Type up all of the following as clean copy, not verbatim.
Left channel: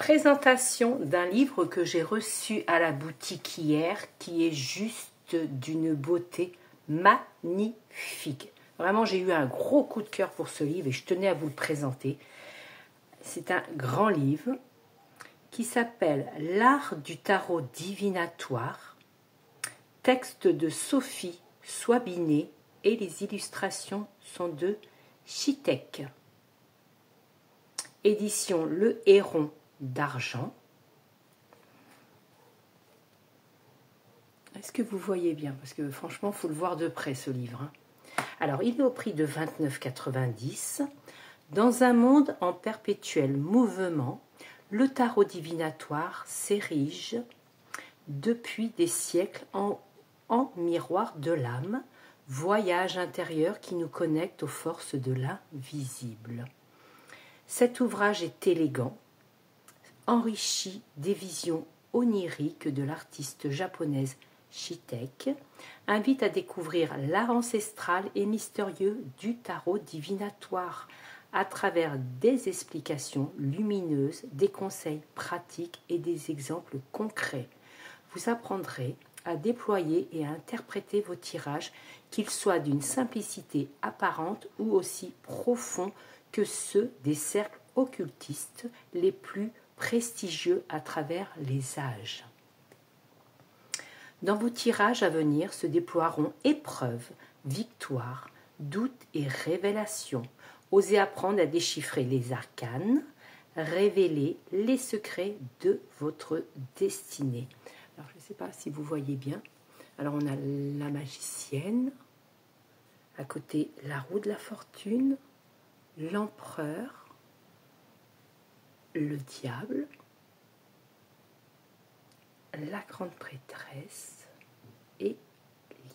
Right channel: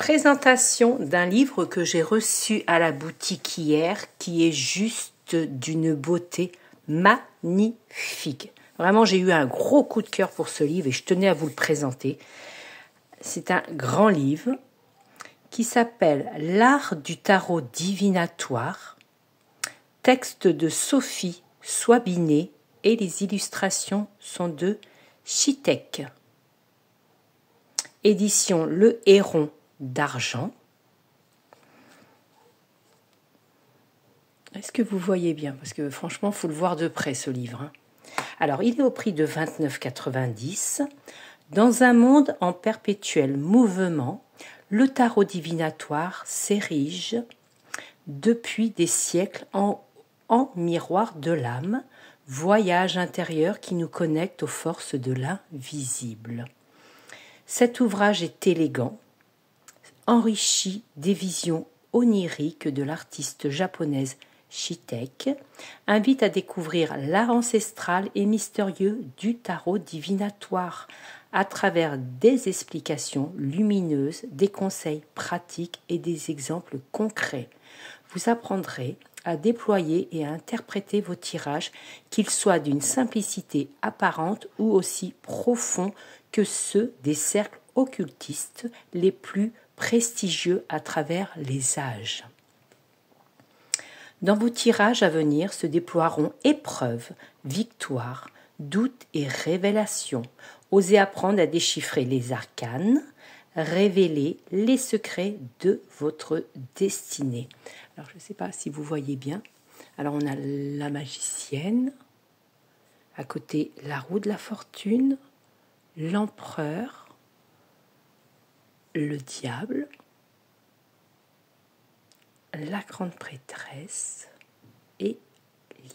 Présentation d'un livre que j'ai reçu à la boutique hier, qui est juste d'une beauté magnifique. Vraiment, j'ai eu un gros coup de cœur pour ce livre et je tenais à vous le présenter. C'est un grand livre qui s'appelle L'art du tarot divinatoire, texte de Sophie Soibinet et les illustrations sont de Chitek. Édition Le Héron d'Argent. Est-ce que vous voyez bien? Parce que franchement, il faut le voir de près ce livre. Alors, il est au prix de 29,90 €. Dans un monde en perpétuel mouvement, le tarot divinatoire s'érige depuis des siècles en miroir de l'âme, voyage intérieur qui nous connecte aux forces de l'invisible. Cet ouvrage est élégant, enrichi des visions oniriques de l'artiste japonaise Chitek, invite à découvrir l'art ancestral et mystérieux du tarot divinatoire à travers des explications lumineuses, des conseils pratiques et des exemples concrets. Vous apprendrez à déployer et à interpréter vos tirages, qu'ils soient d'une simplicité apparente ou aussi profonds que ceux des cercles occultistes les plus prestigieux à travers les âges. Dans vos tirages à venir se déploieront épreuves, victoires, doutes et révélations. Osez apprendre à déchiffrer les arcanes, révéler les secrets de votre destinée. Alors, je ne sais pas si vous voyez bien. Alors, on a la magicienne, à côté la roue de la fortune, l'empereur, le diable, la grande prêtresse et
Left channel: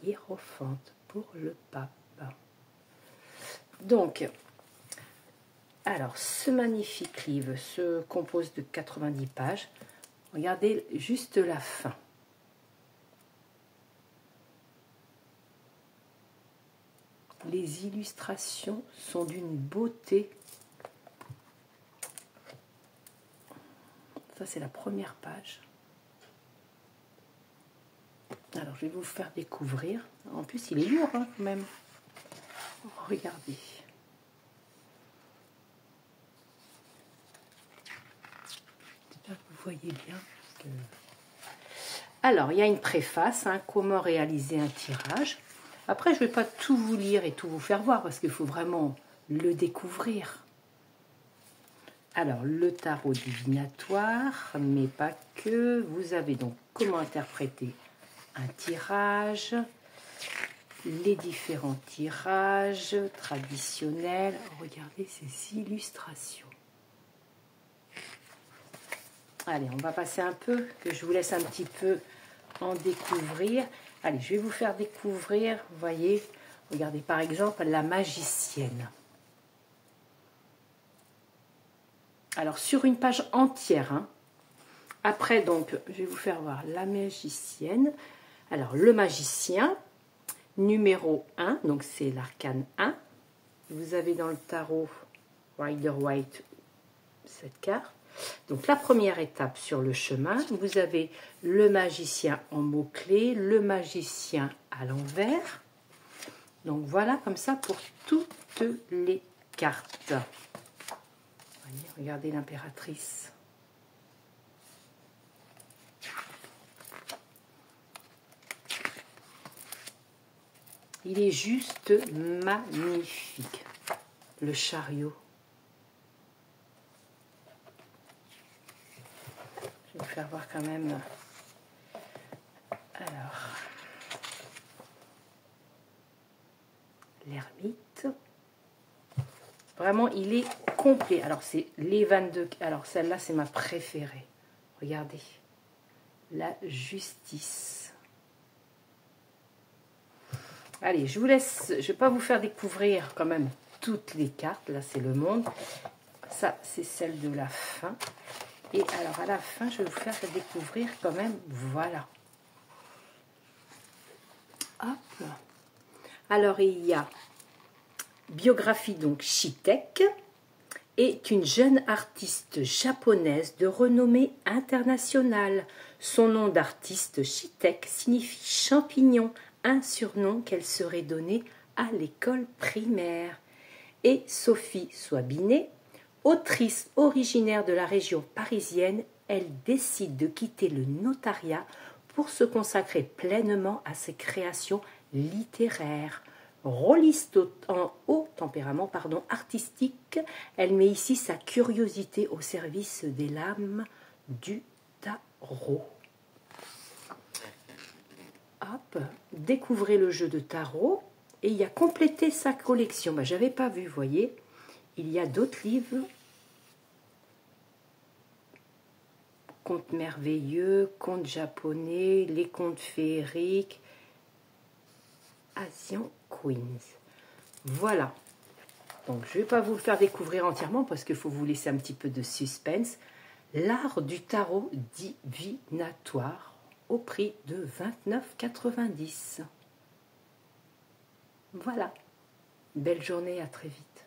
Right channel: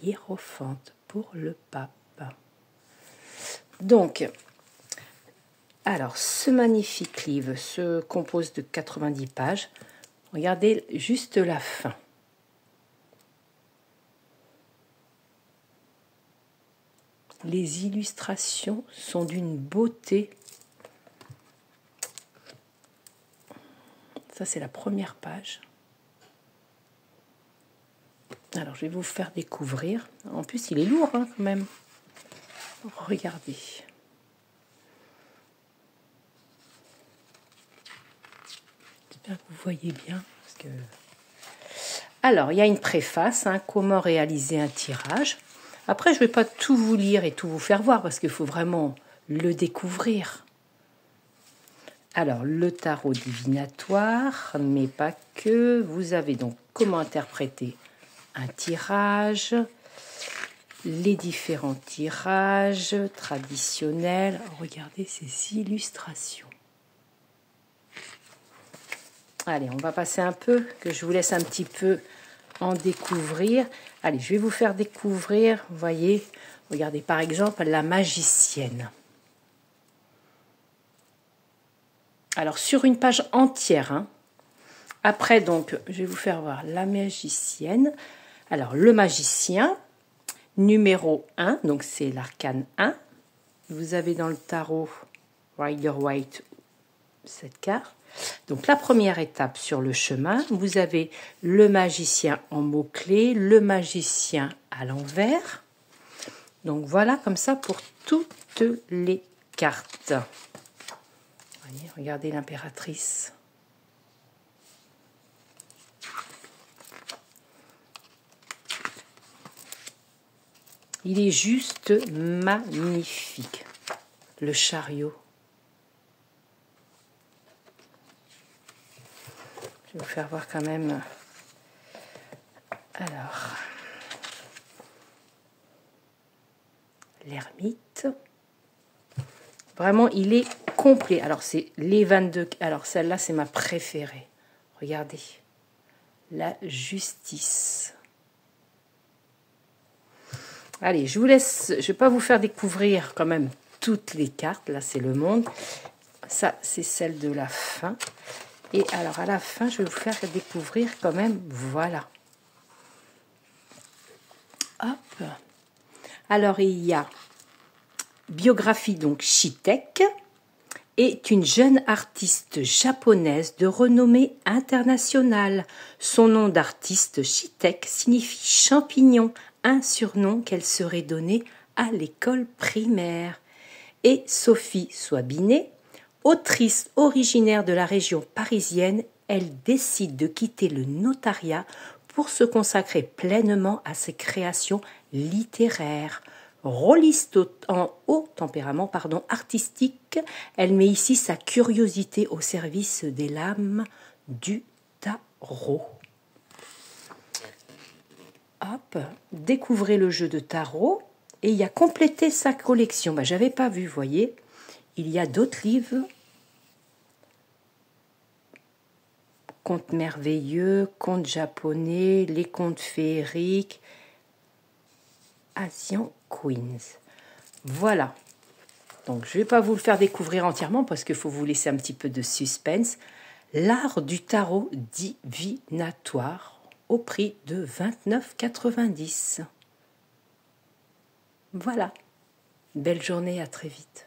l'hiérophante pour le pape. Donc, alors, ce magnifique livre se compose de 90 pages. Regardez juste la fin. Les illustrations sont d'une beauté. Ça, c'est la première page. Alors, je vais vous faire découvrir. En plus, il est lourd, hein, quand même. Regardez. J'espère que vous voyez bien. Parce que... Alors, il y a une préface, hein, comment réaliser un tirage. Après, je ne vais pas tout vous lire et tout vous faire voir, parce qu'il faut vraiment le découvrir. Alors, le tarot divinatoire, mais pas que. Vous avez donc comment interpréter un tirage, les différents tirages traditionnels. Regardez ces illustrations. Allez, on va passer un peu, que je vous laisse un petit peu en découvrir. Allez, je vais vous faire découvrir, vous voyez, regardez par exemple la magicienne. Alors, sur une page entière, hein. Après, donc, je vais vous faire voir la magicienne. Alors, le magicien, numéro 1, donc c'est l'arcane 1. Vous avez dans le tarot Rider-Waite cette carte. Donc, la première étape sur le chemin, vous avez le magicien en mots-clés, le magicien à l'envers. Donc, voilà, comme ça pour toutes les cartes. Voyez, regardez l'impératrice. Il est juste magnifique. Le chariot. Je vais vous faire voir quand même. Alors, l'ermite. Vraiment, il est complet. Alors, c'est les 22. Alors, celle-là, c'est ma préférée. Regardez. La justice. Allez, je vous laisse. Je ne vais pas vous faire découvrir quand même toutes les cartes. Là, c'est le monde. Ça, c'est celle de la fin. Et alors, à la fin, je vais vous faire découvrir quand même, voilà. Hop. Alors, il y a biographie, donc, Chitek. est une jeune artiste japonaise de renommée internationale. Son nom d'artiste, Shitek, signifie champignon, un surnom qu'elle serait donné à l'école primaire. Et Sophie Soibinet, autrice originaire de la région parisienne, elle décide de quitter le notariat pour se consacrer pleinement à ses créations littéraires. Rôliste en haut tempérament artistique, elle met ici sa curiosité au service des lames du tarot. Hop, découvrez le jeu de tarot et il y a complété sa collection. J'avais pas vu, voyez. Il y a d'autres livres. Contes merveilleux, contes japonais, les contes féeriques, Asian Queens. Voilà. Donc, je ne vais pas vous le faire découvrir entièrement parce qu'il faut vous laisser un petit peu de suspense. L'art du tarot divinatoire au prix de 29,90 €. Voilà. Belle journée, à très vite.